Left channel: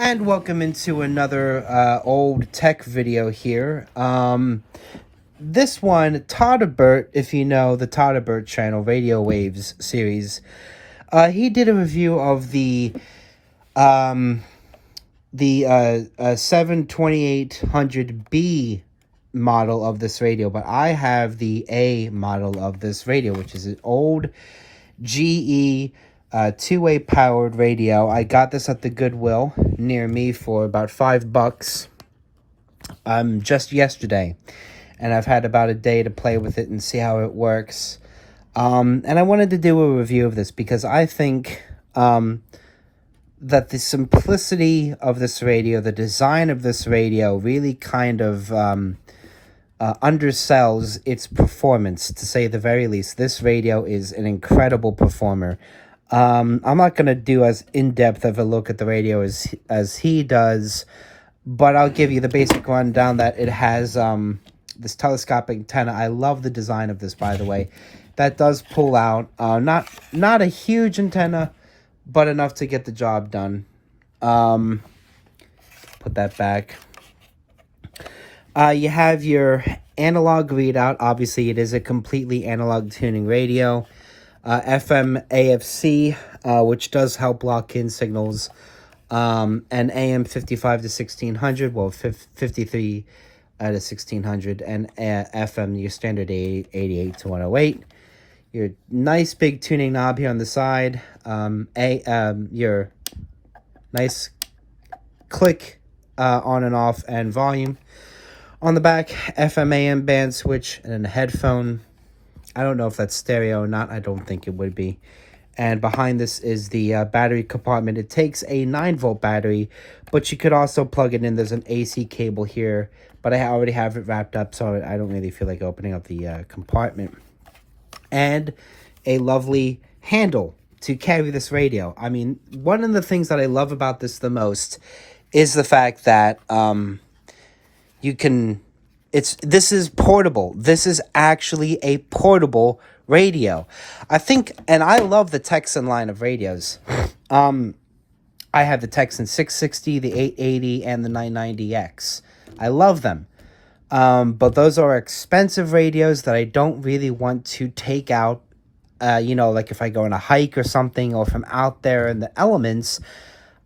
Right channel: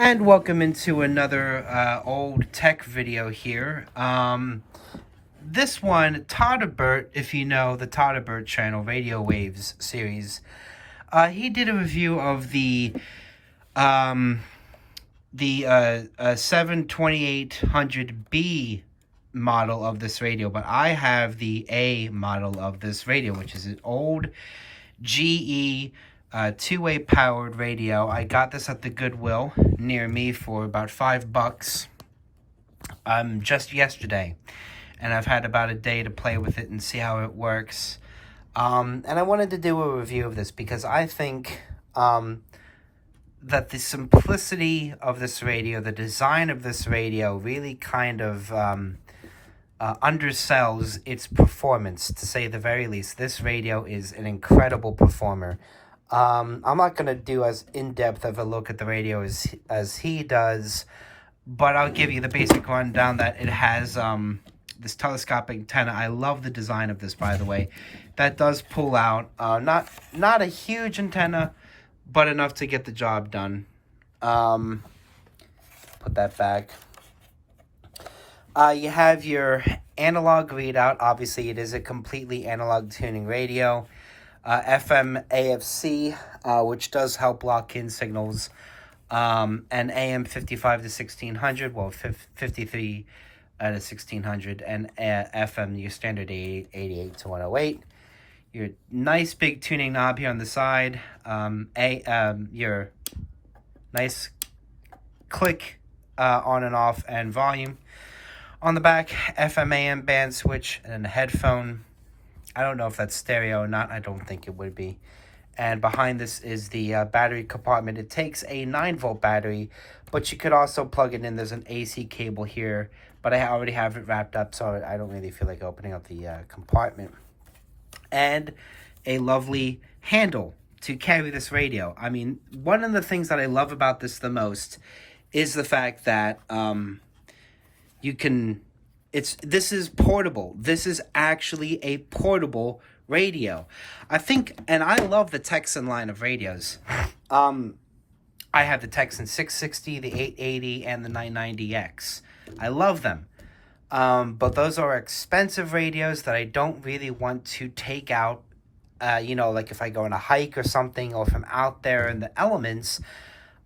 And welcome into another old tech video here. This one, Todderbert, if you know the Todderbert channel, Radio Waves series, he did a review of um, the 72800B model of this radio, but I have the A model of this radio, which is an old GE two-way powered radio. I got this at the Goodwill near me for about $5 just yesterday, and I've had about a day to play with it and see how it works. And I wanted to do a review of this because I think that the simplicity of this radio, the design of this radio, really kind of undersells its performance, to say the very least. This radio is an incredible performer. I'm not going to do as in-depth of a look at the radio as he does, but I'll give you the basic rundown that it has this telescopic antenna. I love the design of this, by the way. That does pull out. Not a huge antenna, but enough to get the job done. Put that back. You have your analog readout. Obviously, it is a completely analog tuning radio. FM AFC, which does help lock in signals. And AM 55 to 1600, well, 53 to 1600. And FM, your standard 88 to 108. Your nice big tuning knob here on the side. Your nice click on and off and volume. On the back, FM AM band switch and a headphone. I don't know if that's stereo or not. I don't think it would be. And behind this is the battery compartment. It takes a 9-volt battery, but you could also plug it in. There's an AC cable here, but I already have it wrapped up, so I don't really feel like opening up the compartment. And a lovely handle to carry this radio. I mean, one of the things that I love about this the most is the fact that you can, this is portable. This is actually a portable radio. I think, and I love the Texan line of radios. I have the Texan 660, the 880, and the 990X. I love them. But those are expensive radios that I don't really want to take out, like if I go on a hike or something, or if I'm out there in the elements,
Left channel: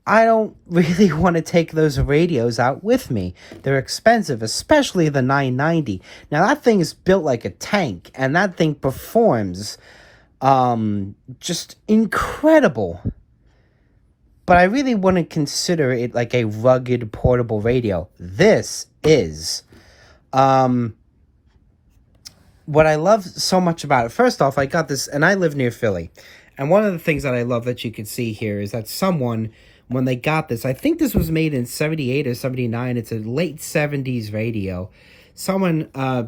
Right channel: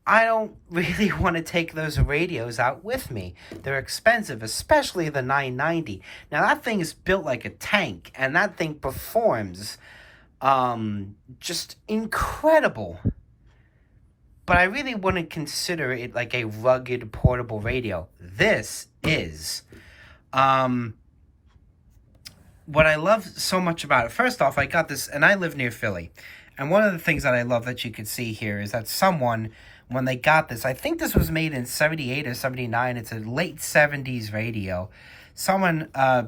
I don't really want to take those radios out with me. They're expensive, especially the 990. Now, that thing is built like a tank, and that thing performs just incredible. But I really wouldn't consider it like a rugged portable radio. This is. What I love so much about it, first off, I got this, and I live near Philly. And one of the things that I love that you can see here is that someone, when they got this, I think this was made in 78 or 79. It's a late 70s radio. Someone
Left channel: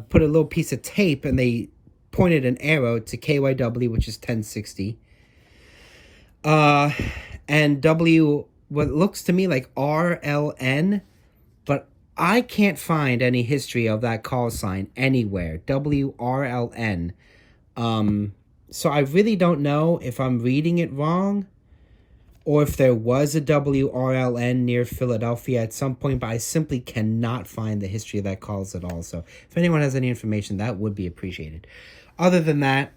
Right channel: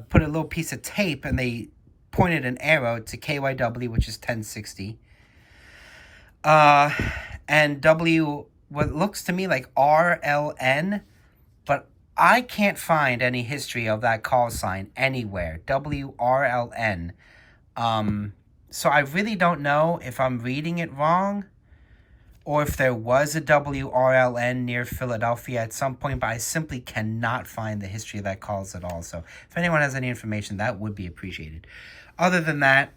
put a little piece of tape and they pointed an arrow to KYW, which is 1060. And W, what looks to me like RLN, but I can't find any history of that call sign anywhere. WRLN. So I really don't know if I'm reading it wrong or if there was a WRLN near Philadelphia at some point, but I simply cannot find the history of that calls at all. So if anyone has any information, that would be appreciated. Other than that,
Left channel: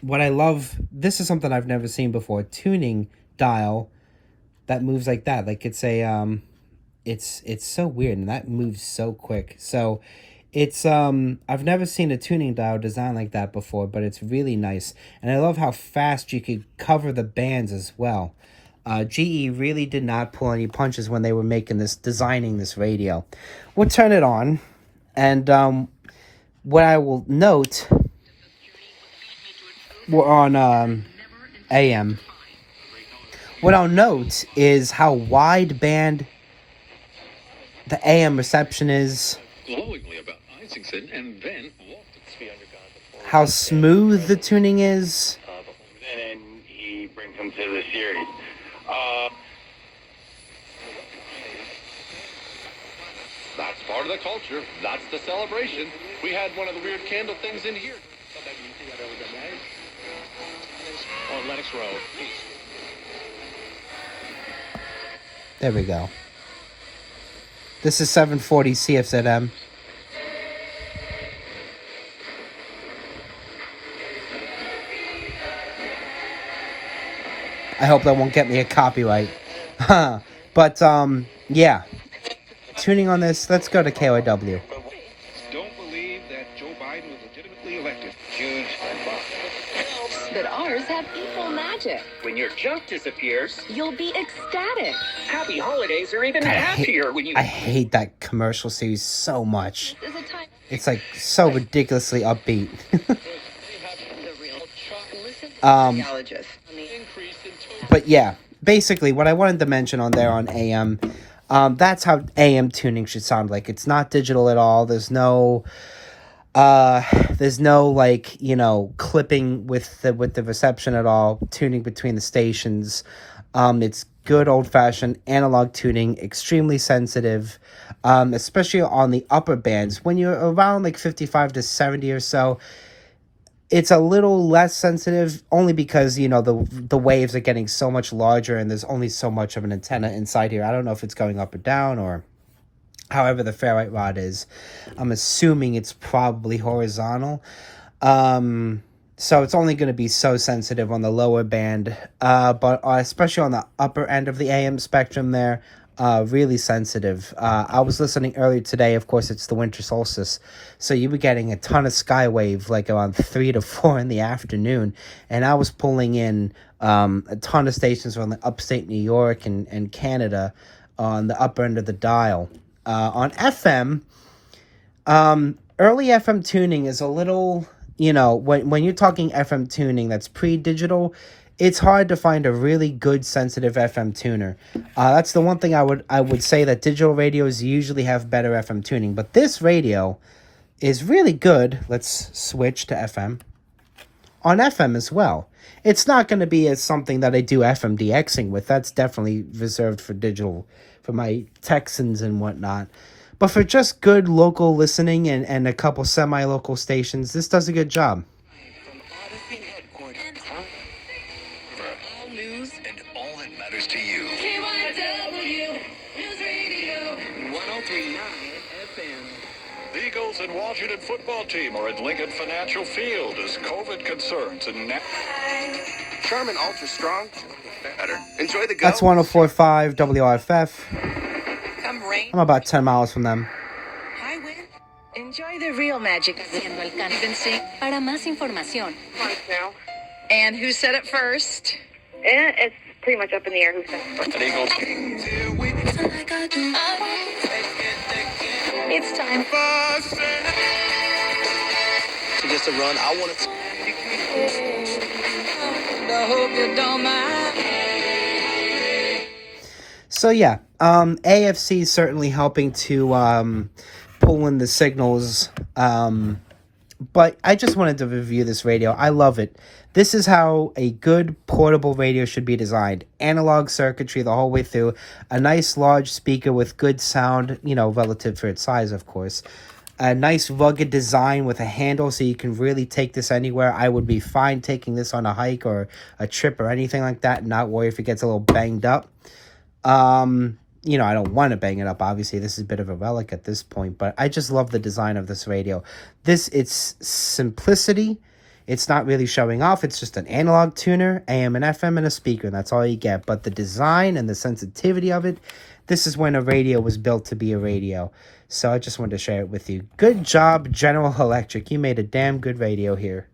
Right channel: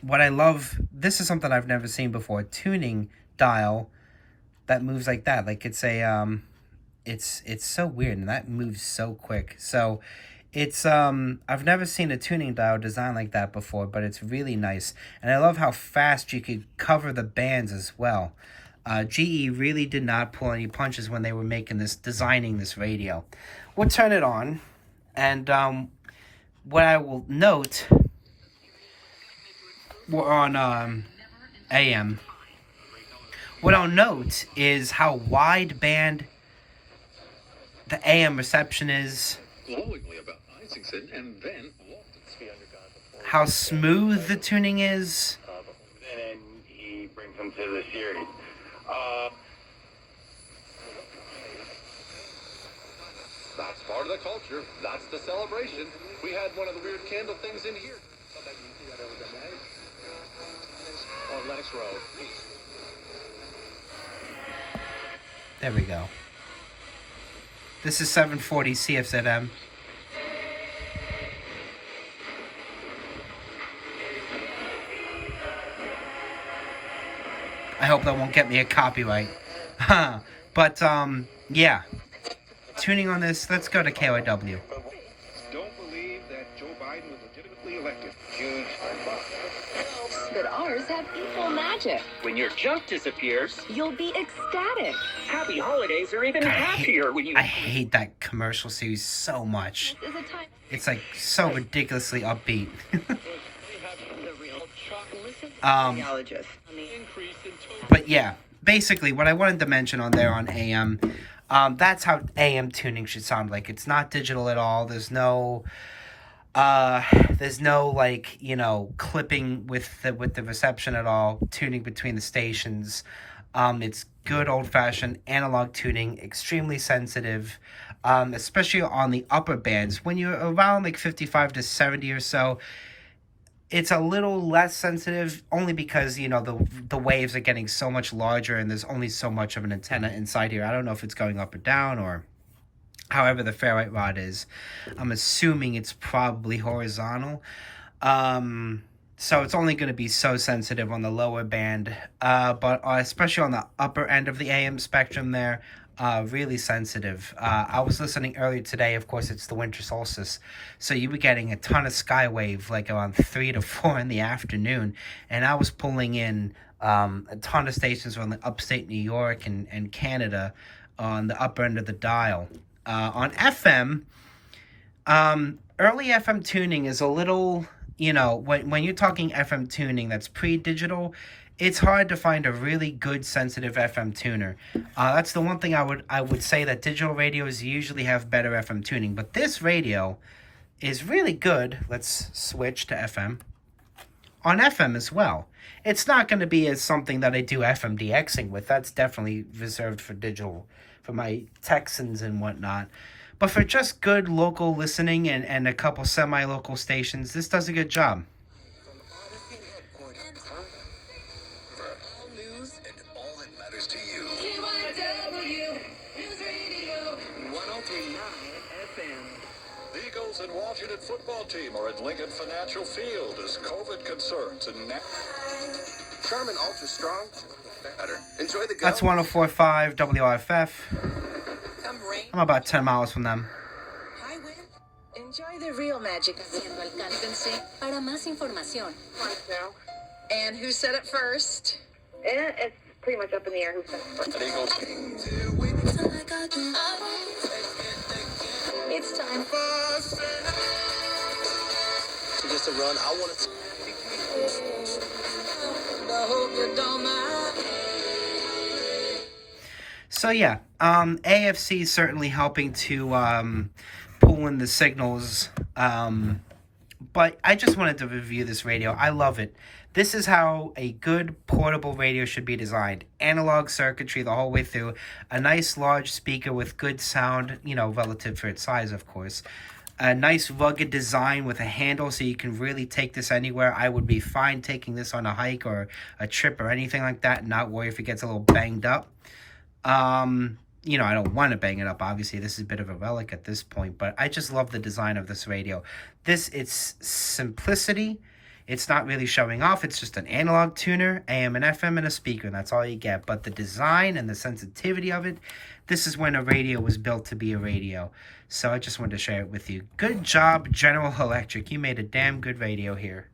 what I love, this is something I've never seen before, a tuning dial that moves like that. Like it's a, it's so weird, and that moves so quick. So it's, I've never seen a tuning dial designed like that before, but it's really nice. And I love how fast you could cover the bands as well. GE really did not pull any punches when they were designing this radio. We'll turn it on, and what I will note, we're on AM. What I'll note is how wideband the AM reception is. Glowingly about Isaacson, and then how smooth the tuning is. And he brings him to the series. that's part of the culture. That's the celebration. We had one of the weird candle things in here. On Lennox Road. There we go. This is 740 CFZM. I hope that won't get me a copyright. But, yeah. Tuning on this, let's go to KYW. Don't believe that Joe Biden was legitimately elected. Huge. That ours have equal magic. When your junk disappears, You'll be ecstatic. happy holidays are even happier when you... I hate that commercial series so much. This is a time It's like so ridiculously upbeat. the real listen to Um, the But yeah, basically what I wanted to mention on there on AM, that's how AM tuning should sound like. It's not digital at all. There's no like, you know, clipping with the reception at all, tuning between the stations. It's good old-fashioned analog tuning, extremely sensitive, especially on the upper bands. When you're around like 55 to 70 or so, it's a little less sensitive, only because, you know, the waves are getting so much larger and there's only so much of an antenna inside here. I don't know if it's going up or down or however the ferrite rod is. I'm assuming it's probably horizontal. So it's only going to be so sensitive on the lower band, but especially on the upper end of the AM spectrum there, really sensitive. I was listening earlier today. Of course, it's the winter solstice, so you were getting a ton of skywave like around 3 to 4 in the afternoon, and I was pulling in a ton of stations from the upstate New York and Canada on the upper end of the dial. On FM, early FM tuning is a little, you know, when you're talking FM tuning that's pre-digital, it's hard to find a really good sensitive FM tuner. That's the one thing I would say, that digital radios usually have better FM tuning, but this radio is really good. Let's switch to FM. On FM as well. It's not going to be as something that I do FM DXing with. That's definitely reserved for digital, for my Texans and whatnot. But for just good local listening and a couple semi-local stations, this does a good job. All news and all that matters to you. KYW News Radio 1039 FM. The Eagles and Washington football team are at Lincoln Financial Field as COVID concerns and Charmin Ultra Strong. Better. Enjoy the go. That's 104.5 WRFF. Come rain, I'm about 10 miles from them. high wind. Enjoy the real magic of the convincing. Para más información. Now. And who said it first? It's pretty much up in the air. Who said? the Eagles. It's time. So just a run. I want to. I hope you don't mind. So yeah, AFC is certainly helping to pull in the signals. But I just wanted to review this radio. I love it. This is how a good portable radio should be designed. Analog circuitry the whole way through. A nice large speaker with good sound, you know, relative for its size, of course. A nice rugged design with a handle so you can really take this anywhere. I would be fine taking this on a hike or a trip or anything like that and not worry if it gets a little banged up. You know, I don't want to bang it up. Obviously, this is a bit of a relic at this point, but I just love the design of this radio. It's simplicity. It's not really showing off. It's just an analog tuner, AM and FM, and a speaker, and that's all you get. But the design and the sensitivity of it, this is when a radio was built to be a radio. So I just wanted to share it with you. Good job, General Electric. You made a damn good radio here.